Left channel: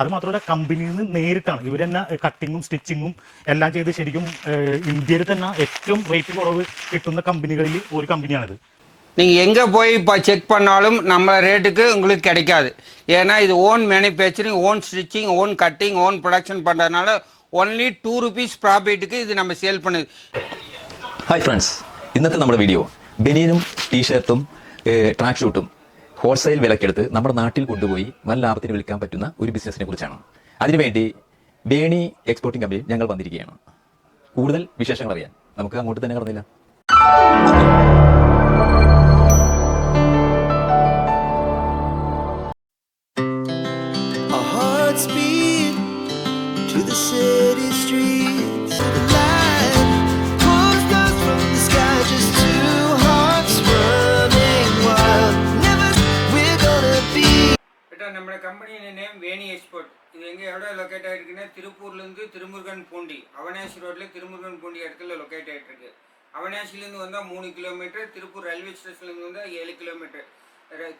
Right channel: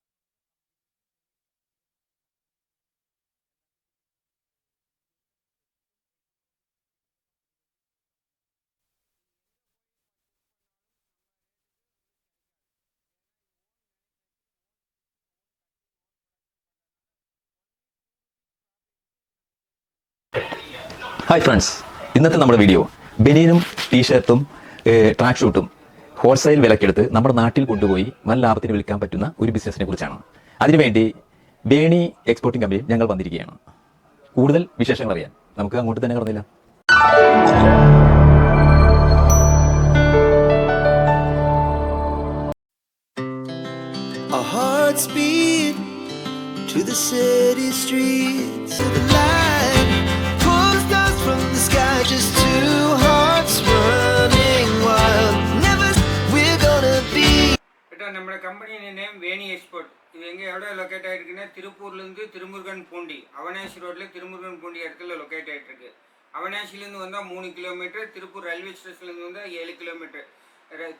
അത് മാത്രമല്ല കമ്പനിയിൽ നിന്ന് നേരിട്ടാണ് ഇവർ തന്നെ കട്ടിങ്ങും സ്റ്റിച്ചിങ്ങും എല്ലാം ചെയ്ത് ശരിക്കും ഇന്ത്യയിൽ തന്നെ ഏറ്റവും റേറ്റ് കുറവ് കിട്ടുന്ന കമ്പനികളിൽ ഒരു കമ്പനിയാണിത്. நீங்கள் எங்கே போய் இப்போ செக் பண்ணாலும் நம்ம ரேட்டுக்கு உங்களுக்கு கிடைக்காது. ஏன்னா இது own manufacturing, own stitching, own cutting, own production பண்ணுறதுனால ഓൺലി ₹2 പ്രോഫിറ്റ് ഇത് നമ്മൾ സെയിൽ பண்ணுது. ഹായ് ഫ്രണ്ട്സ്, ഇന്നത്തെ നമ്മുടെ വീഡിയോ ബനിയനും ടീഷർട്ടും ട്രാക്ക് ഷൂട്ടും ഹോൾസെയിൽ വിലക്കെടുത്ത് നമ്മുടെ നാട്ടിൽ കൊണ്ടുപോയി വൻ ലാഭത്തിന് വിൽക്കാൻ പറ്റുന്ന ഒരു ബിസിനസിനെ കുറിച്ചാണ്. അതിനുവേണ്ടി വേണി എക്സ്പോർട്ടിംഗ് കമ്പനിയിൽ ഞങ്ങൾ വന്നിരിക്കുകയാണ്. കൂടുതൽ വിശേഷങ്ങൾ അറിയാൻ നമുക്ക് അങ്ങോട്ട് തന്നെ കടന്നില്ല. Speed to the city streets. The light pulls us from the sky, just two hearts running wild. Never we're gonna be. நம்ம கம்பெனியோட நேம் வேணி எக்ஸ்போர்ட். இது எங்கே எவ்வளோ லொக்கேட் ஆகிருக்குன்னா திருப்பூர்லேருந்து திருமுருகன் பூண்டி, அவனாசி ரோட்டில் திருமுருகன் பூண்டி இடத்துல லொக்கேட் ஆகிட்டுருக்கு. அவனாசிலேருந்து வந்தால் 3 கிலோமீட்டர், திருப்பூர் ரயில்வே ஸ்டேஷன்லேருந்து வந்தால் 7 கிலோமீட்டர்.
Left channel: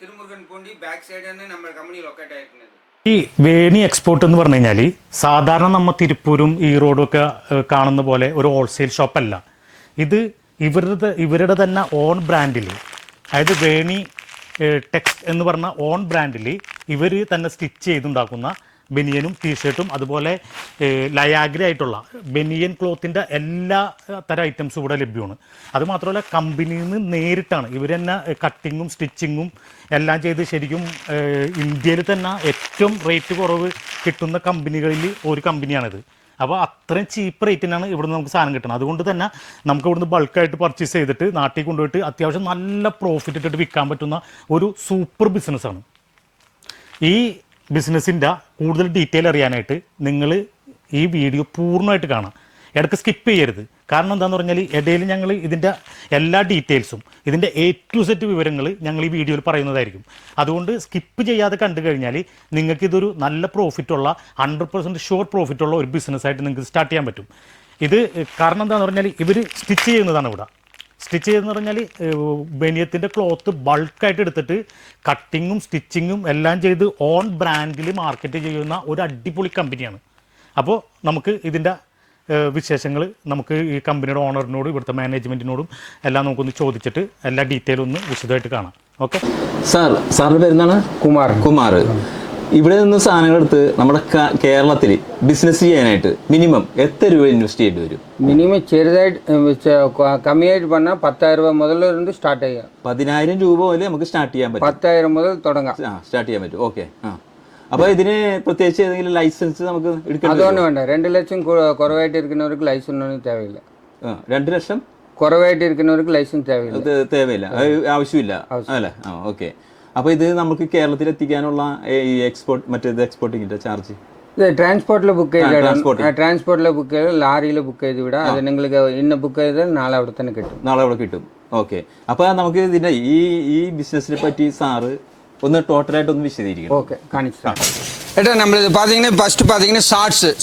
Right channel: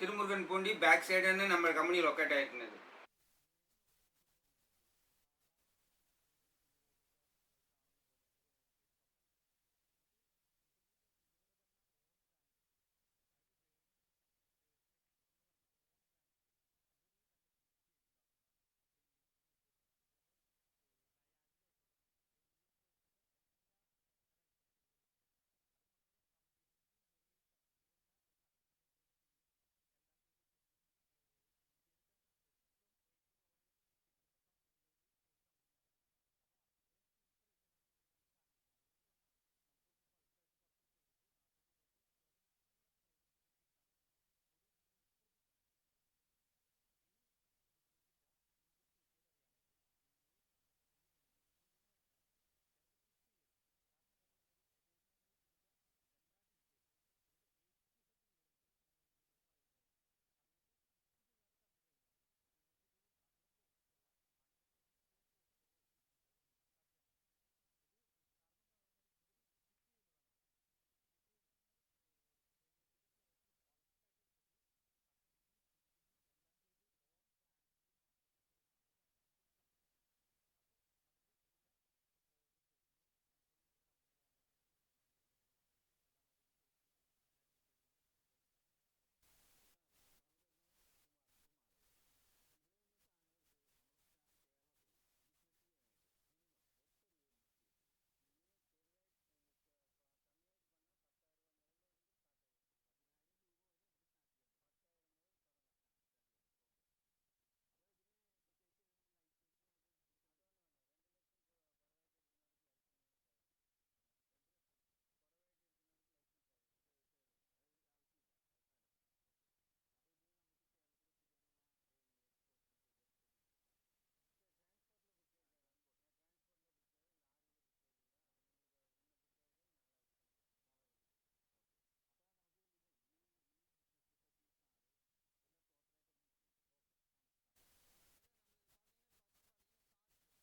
திருமுருகன் பூண்டி பேக் സൈഡാണ് നമ്മുടെ കമ്പനി ലൊക്കേറ്റ് ആയിരിക്കുന്നത്. ഈ വേണി എക്സ്പോർട്ട് എന്ന് പറഞ്ഞു കഴിഞ്ഞാൽ സാധാരണ നമ്മൾ തിരുപ്പൂരും ഈറോഡും ഒക്കെ കാണുന്ന പോലെ ഒരു ഹോൾസെയിൽ ഷോപ്പല്ല. ഇത് ഇവരുടെ തന്നെ ഓൺ ബ്രാൻഡിൽ, അതായത് വേണി ടെക്സ് എന്ന് പറഞ്ഞ ഓൺ ബ്രാൻഡിൽ ഇവർ തന്നെ സ്റ്റിച്ച് ചെയ്തുണ്ടാക്കുന്ന ബനിയനും ടീഷർട്ടും അതുപോലെ ലയാഗ്ര ആയിട്ടുള്ള ബനിയൻ ക്ലോത്തിൻ്റെ എല്ലാ തരം ഐറ്റംസും ഇവിടെ ലഭ്യമാണ്. അതുമാത്രമല്ല കമ്പനിയിൽ നിന്ന് നേരിട്ടാണ് ഇവർ തന്നെ കട്ടിങ്ങും സ്റ്റിച്ചിങ്ങും എല്ലാം ചെയ്ത് ശരിക്കും ഇന്ത്യയിൽ തന്നെ ഏറ്റവും റേറ്റ് കുറവ് കിട്ടുന്ന കമ്പനികളിൽ ഒരു കമ്പനിയാണിത്. അപ്പോൾ അത്രയും ചീപ്പ് റേറ്റിനാണ് ഇവിടുന്ന് നമുക്ക് സാധനം കിട്ടുന്നത്. അതുകൊണ്ട് തന്നെ നമുക്ക് ഇവിടുന്ന് ബൾക്കായിട്ട് പർച്ചേസ് ചെയ്തിട്ട് നാട്ടിൽ കൊണ്ടുപോയിട്ട് അത്യാവശ്യം നല്ല പ്രോഫിറ്റ് ഇട്ടിട്ട് വിൽക്കാൻ പറ്റുന്ന ഒരു സൂപ്പർ ബിസിനസ്സാണ്. ഈ ബിസിനസ്സിൻ്റെ കൂടുതൽ ഡീറ്റെയിൽ അറിയാനായിട്ട് നിങ്ങൾ ഈ വീഡിയോ പൂർണ്ണമായിട്ട് കാണാം, ഇടയ്ക്ക് സ്കിപ്പ് ചെയ്യരുത്. കാരണം എന്താണെന്ന് പറഞ്ഞാൽ ഇടയിൽ ഞങ്ങൾ ഇതിൻ്റെ എല്ലാ ഡീറ്റെയിൽസും ഇതിൻ്റെ A to Z വിവരങ്ങൾ ഞങ്ങൾ ഈ വീഡിയോയിൽ പറയുന്നതായിരിക്കും. അതുകൊണ്ട് സ്കിപ്പ് ചെയ്യാതെ കണ്ടു കഴിഞ്ഞാൽ നിങ്ങൾക്കിതൊരു നല്ല പ്രോഫിറ്റുള്ള 100% ഷുവർ പ്രോഫിറ്റുള്ള ഒരു ബിസിനസ്സായിട്ട് നിങ്ങൾക്ക് സ്റ്റാർട്ട് ചെയ്യാൻ പറ്റും. ഇത് കാരണം എന്താണെന്ന് പറഞ്ഞാൽ ഇവർ സ്റ്റിച്ച് ചെയ്യുന്നതാണ് ഇവിടെ. സ്റ്റിച്ച് ചെയ്തെന്ന് പറഞ്ഞാൽ ബനിയത്തിൻ്റെ ക്ലോത്ത് ബൾക്കായിട്ട് എടുത്തിട്ട് കട്ടിങ്ങും സ്റ്റിച്ചിങ്ങും എല്ലാം ചെയ്ത് ഓൺ ബ്രാൻഡിൽ മാർക്കറ്റ് ചെയ്യുന്ന ഒരു അടിപൊളി കമ്പനിയാണ്. അപ്പോൾ നമുക്ക് ഇതിൻ്റെ വിശേഷങ്ങൾ നമുക്ക് ഈ കമ്പനിയുടെ ഓണറിനോടും ഇവിടുത്തെ മാനേജ്മെൻറ്റിനോടും എല്ലാം നമുക്കൊന്ന് ചോദിച്ചിട്ട് എല്ലാ ഡീറ്റെയിലും ഒന്ന് വിശദമായിട്ട് കാണാം. ഓക്കെ സാറിൻ്റെ പേരെന്താണ്? കുമാർ. ഇവിടെ നിന്ന് സാധനങ്ങൾ എടുത്ത് നമ്മുടെ കേരളത്തിൽ ബിസിനസ് ചെയ്യാനായിട്ട് മിനിമം എത്ര രൂപ ഇൻവെസ്റ്റ് ചെയ്യേണ്ടി വരും? മിനിമം ചെറുതായിട്ട് കമ്മിയായിട്ട് പറഞ്ഞാൽ 10,000 രൂപ മുതൽ സ്റ്റാർട്ട് ചെയ്യാം. 10,000 രൂപ മുതൽ നമുക്ക് സ്റ്റാർട്ട് ചെയ്യാൻ പറ്റും. 10,000 മുതൽ തുടങ്ങാം, സ്റ്റാർട്ട് ചെയ്യാൻ പറ്റും. ഓക്കെ. അപ്പോൾ ഇതിന് പ്രത്യേകിച്ച് ഏതെങ്കിലും ലൈസൻസ് നമുക്ക് എടുക്കാം? അതൊന്നും വേണ്ട. 2 ലക്ഷം കുറവായിട്ട് ഇരിക്കുന്നവർക്ക് ലൈസൻസ് ഒന്നും തേവയില്ല. 2 ലക്ഷം കുറവായിട്ട് ഇരിക്കുന്നവർക്ക് ലൈസൻസ് തേവയില്ല, ആവശ്യമില്ല അല്ലേ? ഓക്കെ. അപ്പോൾ ഇത് നമുക്ക് കേരളത്തിൽ എത്തിക്കാനുള്ള ഈ എക്സ്പോർട്ടിങ്ങിൻ്റെ ചാർജ് ട്രാൻസ്പോർട്ടിൽ ബുക്ക് ചെയ്ത് ലാറിയിൽ ബുക്ക് ചെയ്ത് വിടാം. അത് നിങ്ങൾക്ക് ഇന്ന് ബുക്ക് ചെയ്താൽ നാളെ അവിടെ തന്നെ കിട്ടും. നാളെ അവിടെ കിട്ടും. ഓക്കെ. അപ്പോൾ നമുക്ക് ഇതിൻ്റെ ഈ ബിസിനസ്സിനെ പറ്റി സാറ് ഒന്ന് ടോട്ടലായിട്ട് ഒന്ന് വിശദീകരിക്കണം. ஓகே காணிச்சு ஏட்டா நம்மளுக்கு பார்த்தீங்கன்னா ஃபஸ்ட்டு பார்த்தீங்கன்னா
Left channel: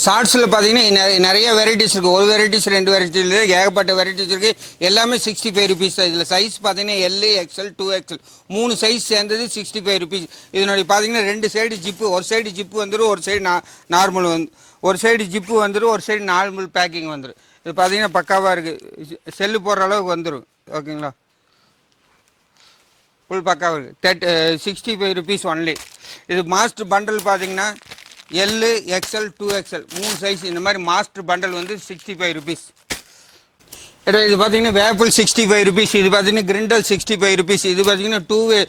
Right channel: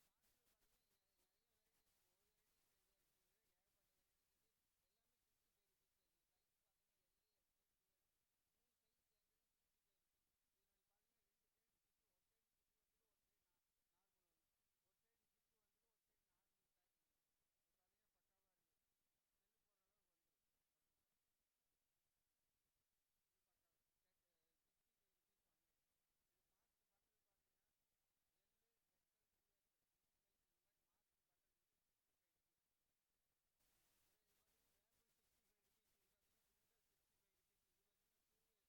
ஷார்ட்ஸில் பார்த்தீங்கன்னா நிறைய வெரைட்டிஸ் இருக்குது. ஒரு வெரைட்டிஸ் 2 வெரைட்டிஸ் இல்லை, ஏகப்பட்ட வெரைட்டிஸ் இருக்குது. எல்லாமே 65 ருபீஸ் தான். இதில் சைஸ் பார்த்தீங்கன்னா L, XL, 2XL 3 சைஸ் சேர்ந்தது 65 ருபீஸ். இதனுடைய பார்த்தீங்கன்னா 2 சைடு ஜிப்பு, ஒரு சைடு ஜிப்பு வந்துடும், ஒரு சைடு நார்மல் ஒரு சைடு ஜிப்பு வந்துடும், ஒரு சைடு நார்மல் பேக்கிங் வந்துடும். இது பார்த்தீங்கன்னா பக்காவாக இருக்குது, செல்லு போடுற அளவுக்கு வந்துடும். ஓகேங்களா? ஃபுல் பக்காவாக இருக்குது. 65 ருபீஸ் ஒன்லி. இது மாஸ்டர் பண்டல் பார்த்தீங்கன்னா L, XL, 2XL 3 சைஸ் இந்த மாதிரி மாஸ்டர் பண்டல் வந்து 65 ருபீஸ். இது பார்த்தீங்கன்னா வேப்பிள் 65 ருபீஸ். இது பார்த்தீங்கன்னா கிரிண்டல் 65 ருபீஸ். இது பார்த்தீங்கன்னா 2-வே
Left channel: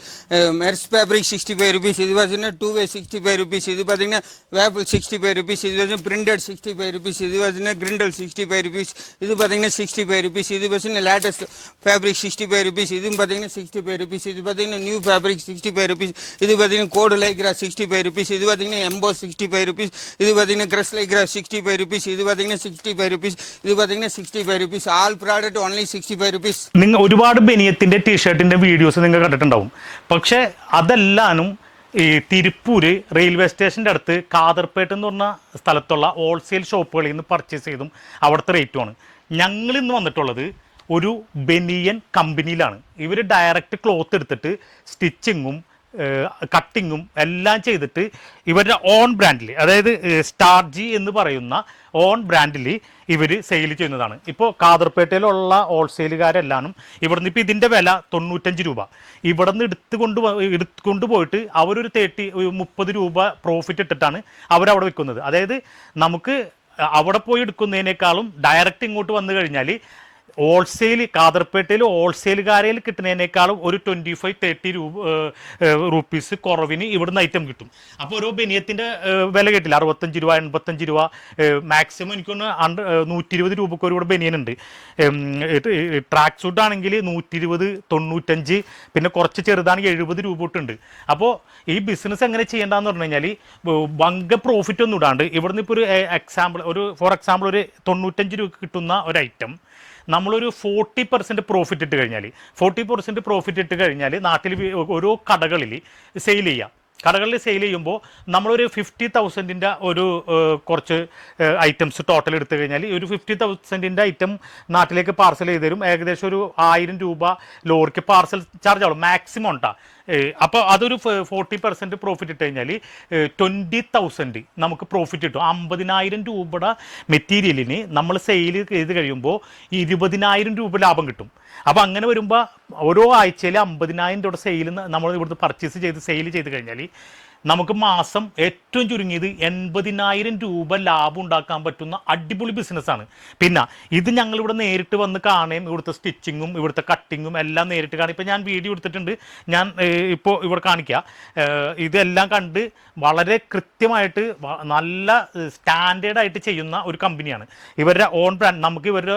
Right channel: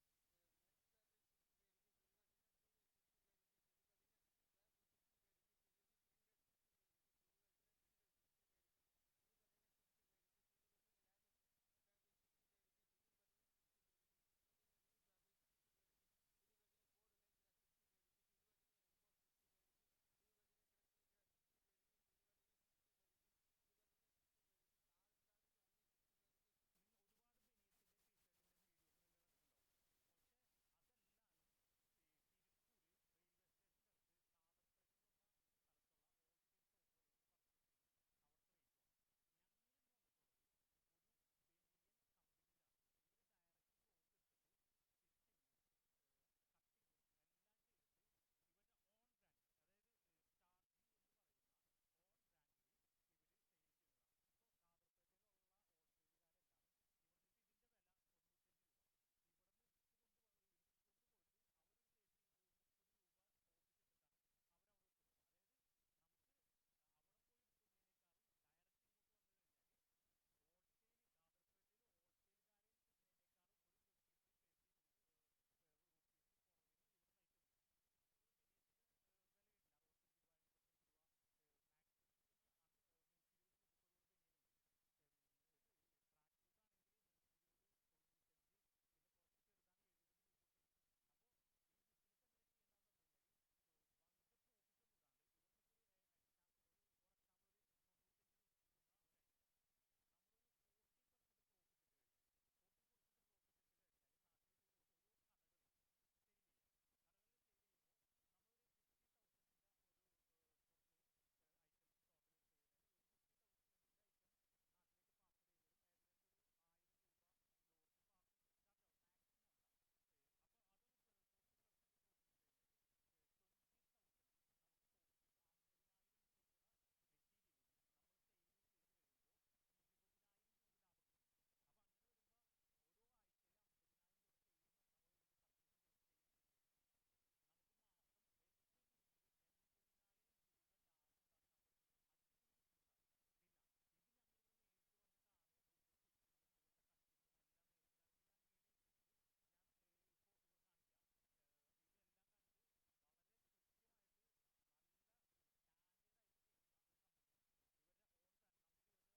மெர்ஸ் ஃபேப்ரிக் 65 ருபீஸ். இது பார்த்தீங்கன்னா 2-வே 65 ருபீஸ். இது பார்த்தீங்கன்னா வேப்பிள் 65 ருபீஸ். இது பார்த்தீங்கன்னா பிரிண்டட் 65 ருபீஸ். இது பார்த்தீங்கன்னா கிரிண்டல் 65 ருபீஸ். இது பார்த்தீங்கன்னா 65 ருபீஸ். இது பார்த்தீங்கன்னா லேட்டஸ்ட் ஃபேப்ரிக் 65 ருபீஸ். இதுவும் பார்த்தீங்கன்னா 65 ருபீஸ். இது பார்த்தீங்கன்னா நியூ ஃபேப்ரிக் 65 ருபீஸ். இது பார்த்தீங்கன்னா கோடு லைக்ரா 65 ருபீஸ். இது பார்த்தீங்கன்னா எம்போஸ் 65 ருபீஸ். இது பார்த்தீங்கன்னா கிரஸ் லைக்ரா 65 ருபீஸ். இது பார்த்தீங்கன்னா 65 ருபீஸ். இது பார்த்தீங்கன்னா 65 ருபீஸ். ആൾ പ്രോഡക്റ്റ് ഓൺലി 65 റുപ്പീസ്. നിങ്ങൾ ഒരുപാട് ബനിയത്തിൻ്റെ ടീഷർട്ടിൻ്റെ വീഡിയോസ് നിങ്ങൾ കണ്ടിട്ടുണ്ടാവും. പക്ഷേ അതെല്ലാനും ഈ തിരുപ്പൂര് റെയിൽവേ സ്റ്റേഷൻ്റെ അടുത്ത് കാതർപേട്ട് എന്ന് പറഞ്ഞ സ്ഥലത്തുള്ള ഹോൾസെയിൽ ഷോപ്പുകളിൽ നിന്ന് പർച്ചേസ് ചെയ്തും അവിടുത്തെ റേറ്റുമാണ്. ഞങ്ങളിന്ന് വന്നിട്ടുള്ളത് ഒരു ബനിയൻ കമ്പനിയിലാണ്. ഇവർ ഡയറക്റ്റ് ക്ലോത്ത് എടുത്തിട്ട് സ്റ്റിച്ചിങ്ങും കട്ടിങ്ങും എല്ലാം ചെയ്തിട്ട് ഇവരുടെ ഓൺ ബ്രാൻഡിൽ, അതായത് സ്റ്റാർജി എന്ന് പറയുന്ന ഓൺ ബ്രാൻഡിൽ ഇവർ സെയിൽ ചെയ്യുന്നതാണ്. ഇപ്പോൾ കാദർപേട്ടയിലുള്ള ഹോൾസെയിലുകാരെല്ലാം ഇവിടുന്ന് ഇപ്പോൾ ഇതിൻ്റെ വില 95 രൂപ, ഇവിടെ നിന്ന് എടുത്തുകൊണ്ട് പോയിട്ട് അവരൊരു 30 രൂപ പ്രോഫിറ്റ് ഇട്ടിട്ടാണ് അവരവിടെ വിൽക്കുന്നത്. അതായത് നമുക്ക് അവിടെ പോയി എടുക്കുന്നതിനേക്കാളും ഡയറക്റ്റ് ഇങ്ങോട്ട് വന്നു കഴിഞ്ഞാൽ ഹോൾസെയിൽ കാദർപേട്ടയിൽ ഹോൾസെയിലുകാരിൽ കിട്ടുന്നതിനേക്കാളും ഒരു 25-30 റുപ്പീസ് കുറവിന് ഇവിടുന്ന് ഐറ്റം കിട്ടും. അപ്പോൾ ഓരോ ബനിയത്തിൻ്റെ വില കേട്ടില്ല, 65 രൂപ 85 രൂപ, മാക്സിമം എനിക്കൊന്ന് 120 രൂപക്ക് ഒരു ഇവിടെ ബനിയനുണ്ട്. ട്രാക്ക് സൂട്ട് ആണെങ്കിൽ 120, 95, പിന്നെ കുറച്ച് ചെറുതാണെങ്കിൽ 70 രൂപ തൊട്ടുണ്ട്. അപ്പോൾ ഈ ബിസിനസ് എങ്ങനെ ചെയ്യേണ്ടതെന്ന് പറഞ്ഞു കഴിഞ്ഞാൽ ഭംഗ പ്രോഫിറ്റ് ഒന്നും ഇടാണ്ട് ഇവിടുന്ന് ഇപ്പോൾ ഫോർ എക്സാമ്പിൾ ഒരു 95 രൂപ കിട്ടുന്ന ഒരു ഐറ്റം നമ്മളൊരു 40% പ്രോഫിറ്റ് ഇട്ട് കഴിഞ്ഞാൽ 40% പ്രോഫിറ്റ് ഇട്ട് കഴിഞ്ഞാൽ നാട്ടിൽ ഓരോ കടകളിൽ സെയിൽ ചെയ്യാം. കടകളിൽ സെയിൽ ചെയ്യുമ്പോൾ നമ്മളൊരു 50,000-ൻ്റെ ഒരു കുറച്ച് ഐറ്റംസ് ടോട്ടൽ എടുത്തു കഴിഞ്ഞാൽ ഒരു 50,000-ൻ്റെ ഐറ്റം നാട്ടിലേക്ക് പാർസൽ ചെയ്ത് തരും. ഏകദേശം ഒരു 1000 രൂപ ലോറിക്ക് പാർസൽ ചാർജ് ആവും മാക്സിമം ഉണ്ടാ. അപ്പോൾ അതൊരു 40% പ്രോഫിറ്റ് ഇട്ട് കഴിഞ്ഞാൽ 20,000 നമുക്ക് പ്രോഫിറ്റ് കിട്ടും. 50,000 രൂപയുടെ മെറ്റീരിയലിന് നമ്മൾ സെയിൽ ചെയ്ത് കഴിയുമ്പോൾ 20,000 രൂപ ലാഭം കിട്ടും. അപ്പോൾ അങ്ങനെ വരുമ്പോൾ ഓരോ ആഴ്ചയിൽ 50,000 രൂപയുടെ സെയിൽ നമ്മൾ ഇവിടുന്ന് പർച്ചേസ് ചെയ്ത് സെയിൽ ചെയ്ത് കഴിഞ്ഞാൽ നമുക്ക് മാസം ഏറ്റവും ചുരുങ്ങിയത് 80,000 രൂപ ലാഭം ഉണ്ടാക്കാൻ പറ്റുന്ന അടിപൊളി ബിസിനസ്സാണ്. പിന്നെ ഇത് ഞങ്ങളിവിടെ നേരിട്ട് വന്ന് കാണുകയും ഇവിടുത്തെ സ്റ്റിച്ചിങ്ങും ഇവിടുത്തെ കട്ടിങ്ങും എല്ലാം നേരിട്ട് കാണും. ഇപ്പോൾ ഞാൻ വീഡിയോ എടുത്തിട്ടുണ്ട്, ഞാൻ ഇപ്പോൾ ഇവിടെ കാണിക്കുക. ഇതെല്ലാം കണ്ട് വളരെ കൃത്യമായിട്ട് നല്ല സ്റ്റാൻഡേർഡായിട്ട് ചെയ്യുന്ന ഒരു കമ്പനിയാണ്. ഇവരുടെ ഓൺ ബ്രാൻഡ്, നമുക്ക് ഇവരുടെ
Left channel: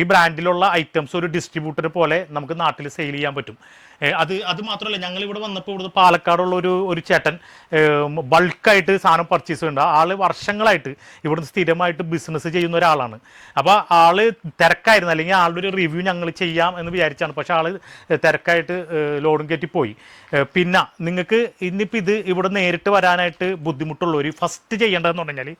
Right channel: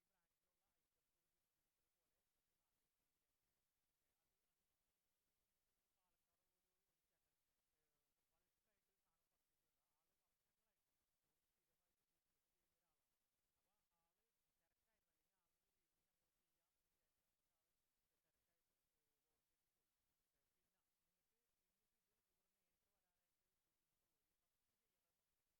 ഈ ബ്രാൻഡിലുള്ള ഐറ്റംസ് ഒരു ഡിസ്ട്രിബ്യൂട്ടർ പോലെ നമുക്ക് നാട്ടിൽ സെയിൽ ചെയ്യാൻ പറ്റും. അത് മാത്രമല്ല, ഞങ്ങൾ ഇവിടെ വന്നപ്പോൾ ഇവിടുന്ന് പാലക്കാടുള്ള ഒരു ചേട്ടൻ ബൾക്കായിട്ട് സാധനം പർച്ചേസ് ചെയ്യുന്നുണ്ട്. ആള് വർഷങ്ങളായിട്ട് ഇവിടുന്ന് സ്ഥിരമായിട്ട് ബിസിനസ് ചെയ്യുന്ന ഒരാളാണ്. അപ്പോൾ ആള് തിരക്കായിരുന്നു, അല്ലെങ്കിൽ ആളുടെ ഒരു റിവ്യൂ ഞങ്ങൾ ചെയ്യാം എന്ന് വിചാരിച്ചാണ്. പക്ഷെ ആള് തിരക്കായിട്ട് ലോഡും കയറ്റി പോയി. പിന്നെ നിങ്ങൾക്ക് ഇന്നിപ്പോൾ ഇത് ഇവിടെ നേരിട്ട് വരാനായിട്ട് ബുദ്ധിമുട്ടുള്ളവർ ഫസ്റ്റ് ചെയ്യേണ്ടതെന്ന് പറഞ്ഞാൽ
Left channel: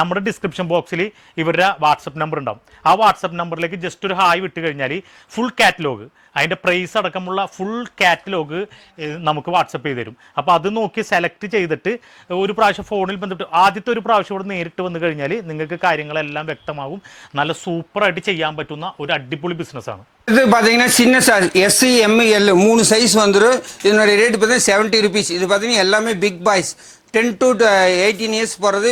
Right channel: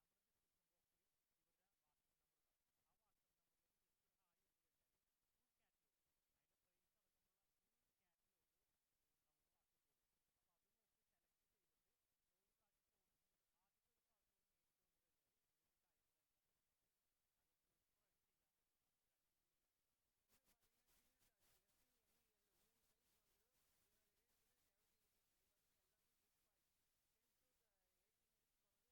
നമ്മുടെ ഡിസ്ക്രിപ്ഷൻ ബോക്സിൽ ഇവരുടെ വാട്സപ്പ് നമ്പർ ഉണ്ടാവും. ആ വാട്സപ്പ് നമ്പറിലേക്ക് ജസ്റ്റ് ഒരു ഹായ് വിട്ട് കഴിഞ്ഞാൽ ഫുൾ കാറ്റലോഗ്, അതിൻ്റെ പ്രൈസ് അടക്കമുള്ള ഫുൾ കാറ്റലോഗ് നമുക്ക് വാട്സപ്പ് ചെയ്ത് തരും. അപ്പോൾ അത് നോക്കി സെലക്ട് ചെയ്തിട്ട് ഒരു പ്രാവശ്യം ഫോണിൽ ബന്ധപ്പെട്ട് ആദ്യത്തെ ഒരു പ്രാവശ്യം ഇവിടെ നേരിട്ട് വന്നു കഴിഞ്ഞാൽ നിങ്ങൾക്ക് കാര്യങ്ങളെല്ലാം വ്യക്തമാകും. നല്ല സൂപ്പറായിട്ട് ചെയ്യാൻ പറ്റുന്ന ഒരു അടിപൊളി ബിസിനസ്സാണ്. இது பார்த்தீங்கன்னா சின்ன சைஸ் SC ML 3 சைஸ் வந்துடும். இதனுடைய ரேட் பார்த்தீங்கன்னா 70 ருபீஸ். இது பார்த்தீங்கன்னா எல்லாமே பிக் பாய்ஸ் 10 to 18 இயர்ஸ் போகிறது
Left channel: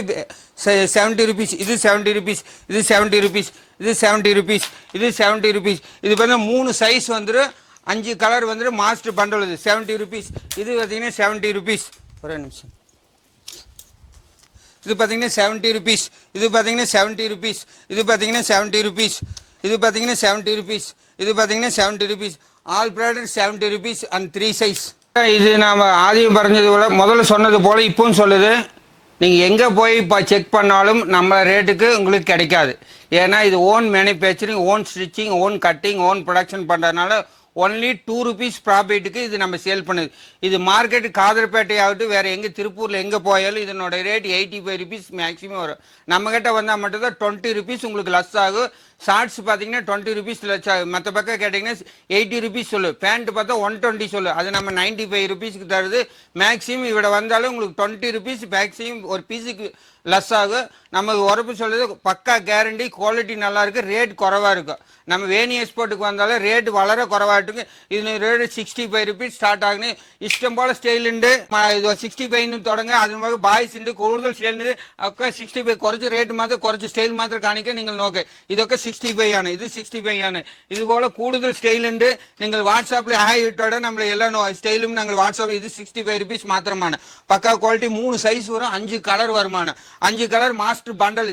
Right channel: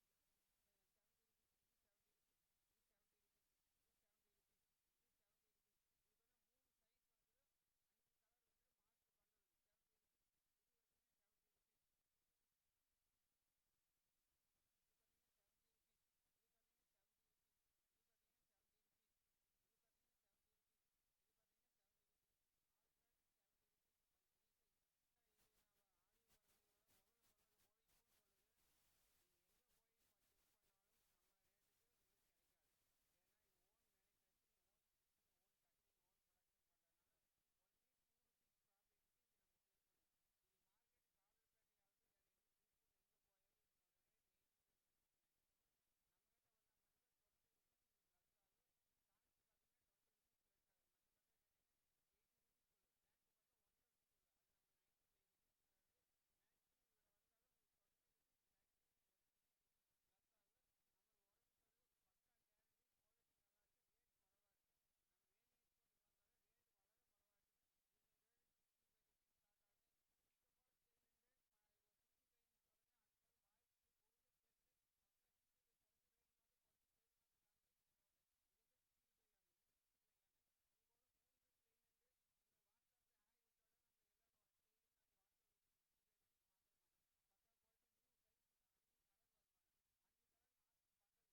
70 ருபீஸ். இது 70 ருபீஸ், இது 70 ருபீஸ், இது 70 ருபீஸ், இது 70 ருபீஸ். இது பார்த்தீங்கன்னா 3 சைஸ் வந்துடும், 5 கலர் வந்துடும். மாஸ்டர் பண்டல் இது 70 ருபீஸ். இது பார்த்தீங்கன்னா 70 ருபீஸ். ஒரே நிமிஷம். இது பார்த்தீங்கன்னா 70 ருபீஸ், இது பார்த்தீங்கன்னா 70 ருபீஸ், இது பார்த்தீங்கன்னா 70 ருபீஸ், இது பார்த்தீங்கன்னா 70 ருபீஸ், இது பார்த்தீங்கன்னா 70 rupees. All product 70 rupees and 3 size. இது நாம் ஆதியம் പറഞ്ഞது போல, முதல்ல சொன்னது போல் இப்பவும் சொல்லுது, நீங்கள் எங்கே போய் இப்போ செக் பண்ணாலும் நம்ம ரேட்டுக்கு உங்களுக்கு கிடைக்காது. ஏன்னா இது own manufacturing, own stitching, own cutting, own production பண்ணுறதுனால ஒன்லி 2 ருபீஸ் ப்ராஃபிட்டுக்கு இது நம்ம சேல் பண்ணுது. இது மார்க்கெட்டு காதர்பேட்டை ஆகட்டும், வேறு எங்கே திருப்பூரில் எங்கே போயாலும் இதனோட ரேட் 85 ருபீஸ் மேக்ஸிமம் வரும். நம்மக்கிட்ட வந்தால் மட்டும்தான் 20 ருபீஸ் உங்களுக்கு லெஸ் ஆகும். ஷார்ட்ஸ் பார்த்தீங்கன்னா 20 ருபீஸ் லெஸ் ஆகும். மற்ற பக்கம் கேட்டிங்கன்னா 80 ருபீஸ் சொல்லு. பேண்ட் பார்த்தா 120 சொல்லு. அது நம்ம 95 ருபீஸ்க்கு தருது. மேக்ஸிமம் இவ்வளோ வந்தாலும் உங்களுக்கு 20 ருபீஸ் மேக்ஸிமம் ஒரு பீஸுக்கு லெஸ் ஆகும். நமக்கு உரப்பு சொல்லுது பக்கா கேரண்டி, குவாலிட்டி நல்லா இருக்குது, ரேட் குறவாக இருக்கும். நம்ம வேணி எக்ஸ்போர்ட்டுக்கு வந்தாலும் ரேட் வளர குறவாட்டுங்க. இது ரேட்டு 65 ருபீஸ் ஸ்டார்ட் ஆகுது. இஷ்டம் போல் ஸ்டைலுண்டு இது 65 தொடங்க. அது மாதிரி பாய்ஸ் ഉണ്ട് കൂടുതൽ സ്റ്റൈലുണ്ട്. ഒക്കെ 65 കുറച്ച് റേറ്റ് മാത്രം, കുറച്ച് സ്റ്റൈൽ മാത്രം കാണിക്കാൻ നിങ്ങൾ നോക്ക്. ഇതൊക്കെ 65 ആണ്, ഇത് 65 ആണ്. ഇതുപോലെ കൂടുതൽ സ്റ്റൈലുണ്ട്. നിങ്ങൾ വാട്സാപ്പിൽ ഹായ് ഇട്ടോടെ നമ്മൾ എല്ലാ സ്റ്റൈലും ഞങ്ങൾ വാട്സാപ്പിൽ. ഇത് 65 ருபீஸ் മാത്രമാണ്. പക്കാ ക്വാളിറ്റി. 3 സൈസ് വരും, 5 കളർ വരുമാണ്. 5 colour master bundle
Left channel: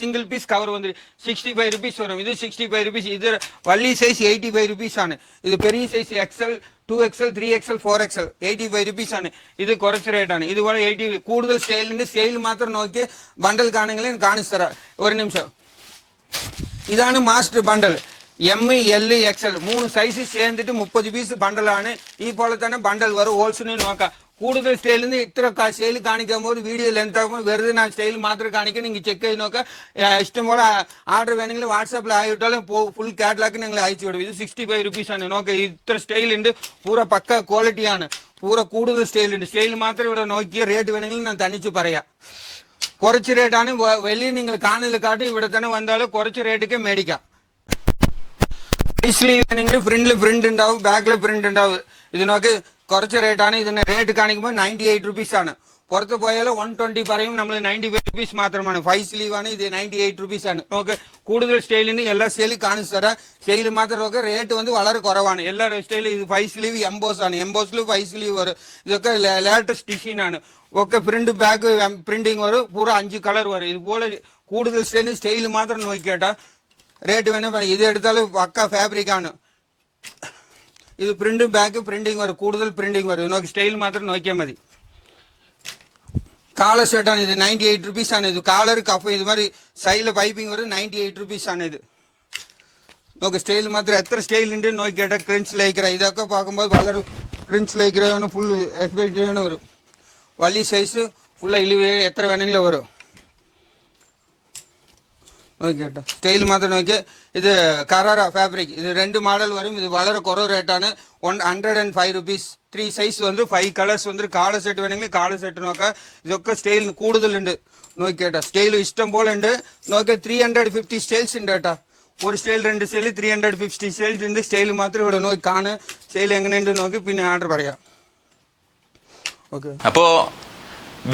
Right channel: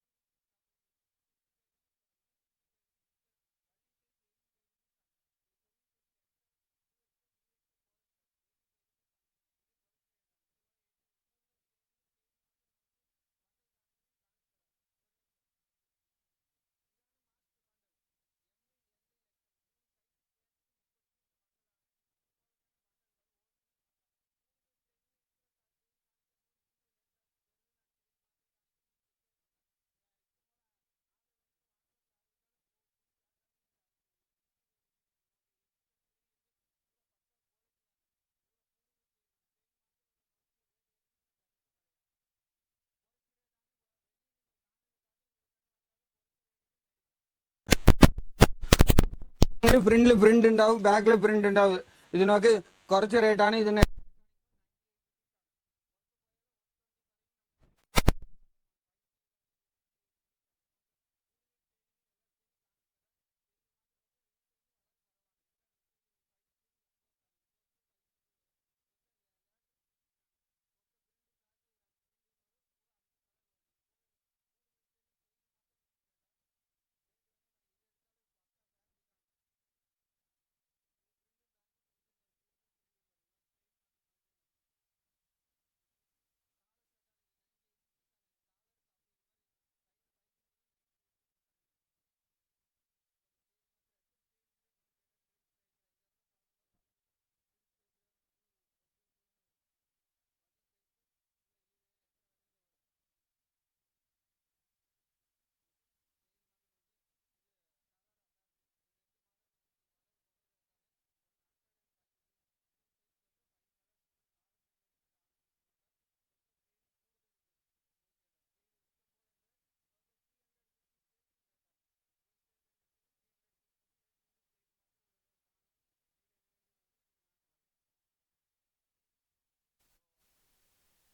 single piece cover വന്ന് 65 ருபீஸ் വരും. ഇത് 65 ருபீஸ். ഇത് വള്ളി സൈസ് 85 ருபீஸ் ആണ്. ഇത് Periya size XL, 2XL, 3XL, 4XL 85 rupees ആണ്. ഇത് കുറച്ച് റേറ്റാണ്. ഇതുപോലെ 80 കൂടുതൽ സ്റ്റൈലിൻ്റെ സ്റ്റൈൽ മാത്രം നോക്കി ബണ്ടൽ കാണുമെങ്കിലും കാണിച്ചു തരാം. ഒരു നിമിഷം. ഇതാണ് master bundle. ML, XL 3 size ചേർന്നിട്ട് 30 പീസ് ബണ്ടലാണ്. ഈ പോലെ തന്നെ ബണ്ടൽ വരും. ഹോൾസിന് നോക്കാം. കൂടുതൽ സ്റ്റൈലിൽ നിന്ന് ഇത്ര സ്റ്റൈൽ കാണിക്കുമ്പോൾ വീഡിയോ ലെങ്ത് ആകുമ്പോൾ വെറുതെ ഞാൻ സ്റ്റൈൽ മാത്രം കാണിക്കാൻ നിങ്ങൾ ചെക്ക് ചെയ്ത് നോക്കാം. ഇഷ്ടംപോലെ ആർഡർ വേണമെങ്കിൽ വാട്സാപ്പിൽ ആയിട്ടാലും ഫുൾ കാറ്റലാക്കി നിങ്ങൾ അയച്ചു വിടും. ഇത് 65 ருபீஸ் ആണ്. നോക്കാം, ഇത്ര സ്റ്റൈലുണ്ട്. പൂര പക്ക ക്വാളിറ്റിയാണ്. പൂര കൂടുതൽ സ്റ്റൈലുണ്ട്. സ്റ്റൈൽ മാത്രം ഇവിടെ നോക്കിയ റേറ്റ് വേണമെങ്കിൽ ഞാൻ തനിച്ച് പറയാം. കുറച്ച് റേറ്റാണ് വെളിയിൽ നിങ്ങൾ കാണൽ കാട്ടി ഇവിടെ തന്നെ വന്നാലും കുറച്ച് റേറ്റൊക്കെ മേടിക്കാം. സ്ലീവ് ഫ്രണ്ടിൽ പ്രിന്റ് ഉണ്ടാവും, ബാക്കിൽ പ്രിന്റ് ഉണ്ടാവും. ഇതിനൊക്കെ കുറച്ച് റേറ്റാണ്. ഇതിന്റെ റേറ്റ് കാണിക്കുമ്പോൾ 98 റുപ്പീസ് ആണ്. പുറത്ത് പോയാലും 120 പറയും, നമ്മൾ 95 റുപ്പീസ് മാത്രമാണ്. 5 സ്ലീവ് ആണ്, ഇത് 98 റുപ്പീസ് ആണ്. നമുക്ക് കൂടുതൽ സ്റ്റൈലിന് എല്ലാ സ്റ്റൈലും കാണിച്ചു തരാം. സ്റ്റൈൽ മാത്രമൊക്കെ റേറ്റ് വന്ന് വളരെ കുറവാണ്. എല്ലാ സ്റ്റൈലും ഇത് 5 സ്ലീവ് എംബോസ് ആണ്. എംബോസിൽ 5 സ്ലീവ് വരും. ഇതൊക്കെ ലേറ്റസ്റ്റ് ഡിസൈൻ ആണ്. ഒക്കെ പ്രിന്റ് ബാക്ക് പ്രിന്റിങ് വരും. പൂര 5 കളർ വരും. ഇതുപോലെ കൂടുതൽ സ്റ്റൈൽ മാത്രം നോക്കിക്കേട്ടാ റേറ്റ് വേണം. ഇത് എടുത്താൽ പക്ക ഫാബ്രിക് ആണ്. ഇത് പ്രിന്റും ബാക്ക് പ്രിന്റിങ് വരും. കൂടുതൽ പ്രിന്റിങ് വരും. നോക്കി സ്റ്റൈൽ മാത്രം നോക്കിയാൽ മതി. കാളർ ഷർട്ടാണ് ഇത്. 98 റുപ്പീസ് ആണ്. ഇത് കാളർ കഫ് ഇത് மாதிரி സൈഡിൽ പൈപ്പിംഗ് വരും. 98 റുപ്പീസ് ആണ് ഇത്. നോക്ക് സ്റ്റൈൽ മാത്രം എത്ര സ്റ്റൈൽ ഉണ്ട് നോക്കിക്കേട്ടാ. ക്രിഞ്ച് ലൈക്ര ഇതൊക്കെ പാക്കുമ്പോൾ വളരെ ക്രിഞ്ച് ലൈക്ര ഫുൾ എക്സ്പെക്ട് വരും. വലിയ സൈസ് ഫുൾ ഇലിവ് എത്ര വേണമെങ്കിലും വരും. നോക്കിയേട്ടാ സ്റ്റൈൽ മാത്രം നോക്കിയാൽ ഇത് കറാറ ഫാബ്രിക്. ഇത് 2 മോഡൽ വരും. ഇത് വളരെ കുറവ് റേറ്റാണ്. 105 റുപ്പീസ്. 3 സൈസ് വന്ന് 5 കളേഴ്സ് വന്ന് കാളർ സെറ്റ് വേണമെങ്കിൽ കാളർ സെറ്റ് നോക്കാം. ഇതൊക്കെ സ്റ്റൈൽ കൂടുതലുണ്ട് നോക്കിയേട്ടാ. സ്റ്റൈൽ ഇഷ്ടം പോലെ ഉണ്ട്. നോക്കിയാൽ 350 സ്റ്റൈൽസ് ഉണ്ട് കേട്ടാ. ഒരു സ്റ്റൈൽ 2 സ്റ്റൈൽ 350 സ്റ്റൈൽസ് ഉണ്ട്. സ്റ്റൈൽ മാത്രം ഇവിടെ നോക്കി കാണുക. സ്റ്റൈൽ എങ്ങനെയുണ്ട് നോക്കി പിന്നെ ഓർഡർ പറയാം. ഓക്കെ. അപ്പോൾ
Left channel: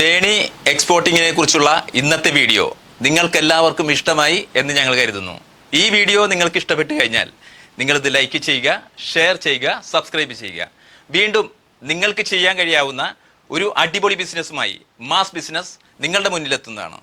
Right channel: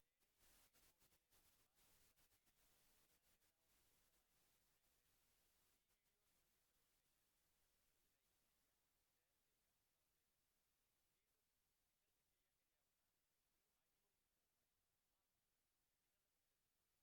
ബേണി എക്സ്പോർട്ടിങ്ങിനെ കുറിച്ചുള്ള ഇന്നത്തെ വീഡിയോ നിങ്ങൾക്ക് എല്ലാവർക്കും ഇഷ്ടമായി എന്ന് ഞങ്ങൾ കരുതുന്നു. ഈ വീഡിയോ നിങ്ങൾക്ക് ഇഷ്ടപ്പെട്ട് കഴിഞ്ഞാൽ നിങ്ങളിത് ലൈക്ക് ചെയ്യുക, ഷെയർ ചെയ്യുക, സബ്സ്ക്രൈബ് ചെയ്യുക. വീണ്ടും നിങ്ങൾക്ക് ചെയ്യാൻ കഴിയാവുന്ന ഒരു അടിപൊളി ബിസിനസ്സുമായി മാസ് ബിസിനസ് നിങ്ങളുടെ മുന്നിലെത്തുന്നതാണ്.